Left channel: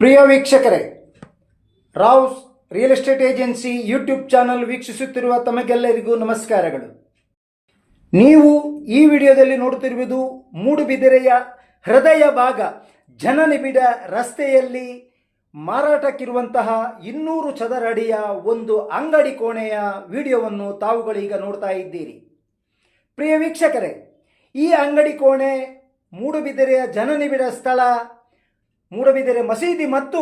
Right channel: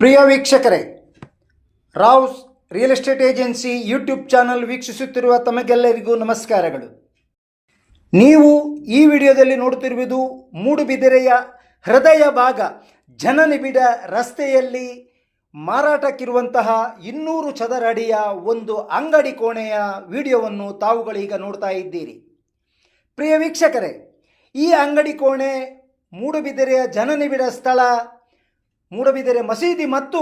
ಪ್ರಿಯ ವೀಕ್ಷಕರೇ, Rao's real estate agency YouTube channel ವೀಕ್ಷಿಸುತ್ತಿರುವ ತಮಗೆಲ್ಲರಿಗೂ ನಮಸ್ಕಾರಗಳು. ನೀವು ಈ ವಿಡಿಯೋದಲ್ಲಿ ನೋಡುತ್ತಿರುವುದು ಮೂಡುಬಿದಿರೆಯ ಹೃದಯ ಭಾಗ, ಜನನಿಬಿಡ ರಸ್ತೆಯಲ್ಲಿ ಮಾರಾಟಕ್ಕಿರುವಂತಹ ಇನ್ನೂರು ಚದರ ಅಡಿಯ ಒಂದು ಅಂಗಡಿ ಕೋಣೆಯ ವಿಡಿಯೋವನ್ನು ತಾವುಗಳೀಗ ನೋಡ್ತಾ ಇದ್ದೀರಿ. ಪ್ರಿಯ ವೀಕ್ಷಕರೇ, ಈ ಅಂಗಡಿ ಕೋಣೆ ಮೂಡುಬಿದಿರೆಯ ಜನನಿಬಿಡ ಸ್ಥಳ ಮೂಡಬಿದಿರೆ ಮಸೀದಿ ಮತ್ತು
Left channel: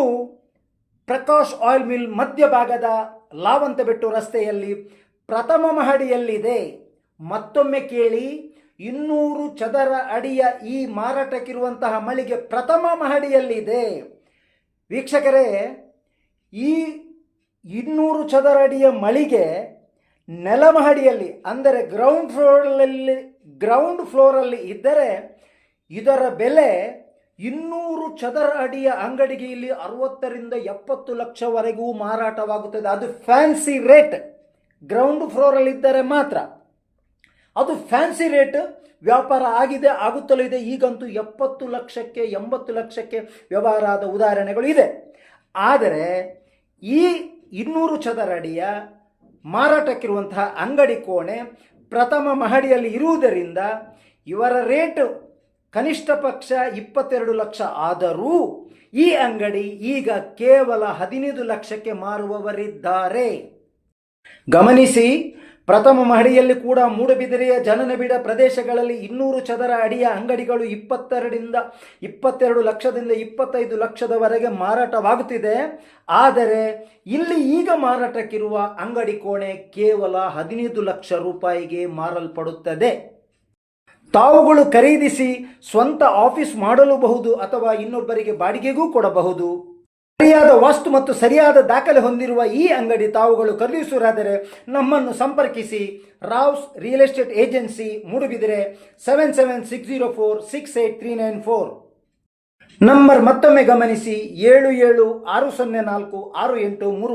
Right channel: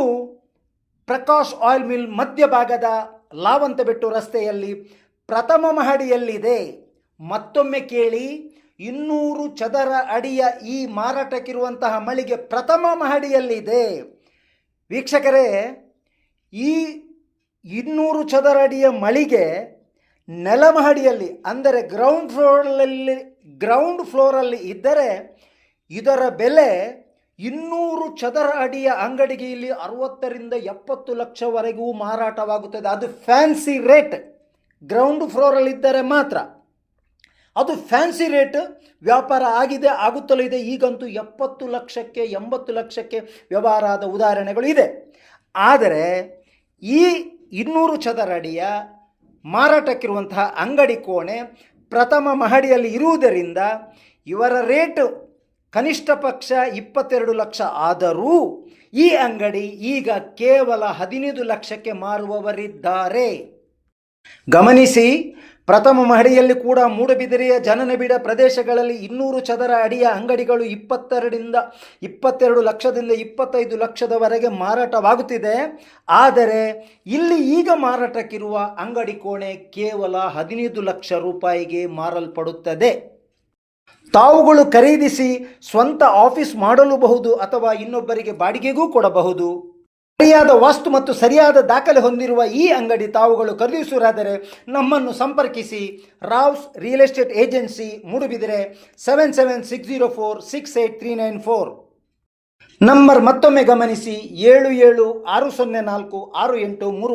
ಪ್ರಕಾಶ್ ಆಯಿಲ್ ಮಿಲ್ ಮಧ್ಯಭಾಗದ ಲಾವಂತಬೆಟ್ಟು ರಸ್ತೆಯಲ್ಲಿ ಪ್ರಥಮ ಮಹಡಿಯಲ್ಲಿದೆ. ಮತ್ತೊಮ್ಮೆ ಕೇಳಿ, ಇನ್ನೂರು ಚದರ ಅಡಿಯ ಈ ಮಾರಾಟಕ್ಕಿರುವಂತಹ ಮಳಿಗೆ ಪ್ರಥಮ ಮಹಡಿಯಲ್ಲಿದೆ. ವೀಕ್ಷಕರೇ, ಈ ಇನ್ನೂರು ಚದರ ಅಡಿಯ ಮಳಿಗೆ ನೆಲಮಹಡಿಯಲ್ಲಿ ಅಂದರೆ ಗ್ರೌಂಡ್ ಫ್ಲೋರಲ್ಲಿ ಗ್ರೌಂಡ್ ಫ್ಲೋರಲ್ಲಿ ಇದ್ದರೆ ಇದರ ಬೆಲೆ ಇನ್ನೂರು ಚದರ ಅಡಿಯ ಅಂಗಡಿಗೆ ಇಲ್ಲಿ ಅರವತ್ತರಿಂದ ಎಪ್ಪತ್ತು ಲಕ್ಷವರೆಗೂ ಮಾರಾಟವಾಗುತ್ತದೆ. ಅದು ಫ್ಯಾನ್ಸಿ ರೇಟ್. ಗ್ರೌಂಡ್ ಫ್ಲೋರಲ್ಲಿ ಇದ್ದರೆ ಮಾತ್ರ. ಅದು ಫ್ಯಾನ್ಸಿ ರೇಟ್. ವ್ಯಾಪಾರ ಆಗಿದೆ, ಆಗುತ್ತಲೂ ಇದೆ. ಈಗಂತೂ ಎಪ್ಪತ್ತು ಲಕ್ಷಕ್ಕೆ, ಎಂಬತ್ತು ಲಕ್ಷಕ್ಕೆ ವ್ಯವಹಾರ ಆದ ಉದಾಹರಣೆಗಳು ಇದೆ. ಆದರೆ ಈ ಇನ್ನೂರು ಚದರ ಅಡಿಯ ಮಾರಾಟಕ್ಕಿರುವಂತಹ ಅಂಗಡಿ ಕೋಣೆ ಪ್ರಥಮ ಮಹಡಿಯಲ್ಲಿ ಇರುವುದರಿಂದ ಇವರ ರೇಟ್ ಕನಿಷ್ಠ ಪಕ್ಷ ಇಪ್ಪತ್ತೆರಡು ಲಕ್ಷ ಆದರೂ ಈ ಅಂಗಡಿ ಈಗ ಕೇವಲ ಹದಿನೈದು ಲಕ್ಷಕ್ಕೆ ಮಾರುವವರಿದ್ದಾರೆ. ಗಮನಿಸಿ, ಪ್ರಥಮ ಮಹಡಿಯಲ್ಲಿ ಕೂಡ ಮೂಡಬಿದಿರೆಯ ಜನನಬಿಡ ಪ್ರದೇಶಗಳಲ್ಲಿ ಇನ್ನೂರು ಚದರ ಅಡಿಯ ಅಂಗಡಿಗಳು ಇಪ್ಪತ್ತೆರಡರಿಂದ ಇಪ್ಪತ್ತೆರಡು ಲಕ್ಷದಿಂದ ಇಪ್ಪತ್ತೈದು ಲಕ್ಷದವರೆಗೆ ಮಾರಾಟವಾಗುತ್ತಿದೆ. ಆದರೆ, ಇಲ್ಲಿ ಈಗ ಮಾರಾಟಕ್ಕಿರುವ ಅಂಗಡಿ ಕೋಣೆ ಕೇವಲ ಹದಿನೈದು ಲಕ್ಷ ರೂಪಾಯಿಗೆ ಮಾರಲ್ಪಡುತ್ತದೆ. ತಾವುಗಳು ಖರೀದಿಸಿ ಸ್ವಂತ ಆಫೀಸ್ ಮಾಡಲೂಬಹುದು ಅಥವಾ ಇನ್ನೊಬ್ಬರಿಗೆ ಬಾಡಿಗೆಗೂ ಕೊಡಬಹುದು. ಸರಿಯಾದ ವಾಸ್ತು ಮತ್ತು ಸರಿಯಾದ ದಾಖಲೆ ಹೊಂದಿರುವ ಈ ಅಂಗಡಿ ತಾವುಗಳು ಖರೀದಿಸುವುದಾದರೆ ನಮ್ಮನ್ನು ಸಂಪರ್ಕಿಸಿ. Rao's real estate agency Moodbidri seven seven six zero four six eight three nine four. Number ಮತ್ತೊಮ್ಮೆ ಗಮನಿಸಿ ಏಳು ಏಳು ಆರು ಸೊನ್ನೆ ನಾಲ್ಕು ಆರು ಎಂಟು ಮೂರು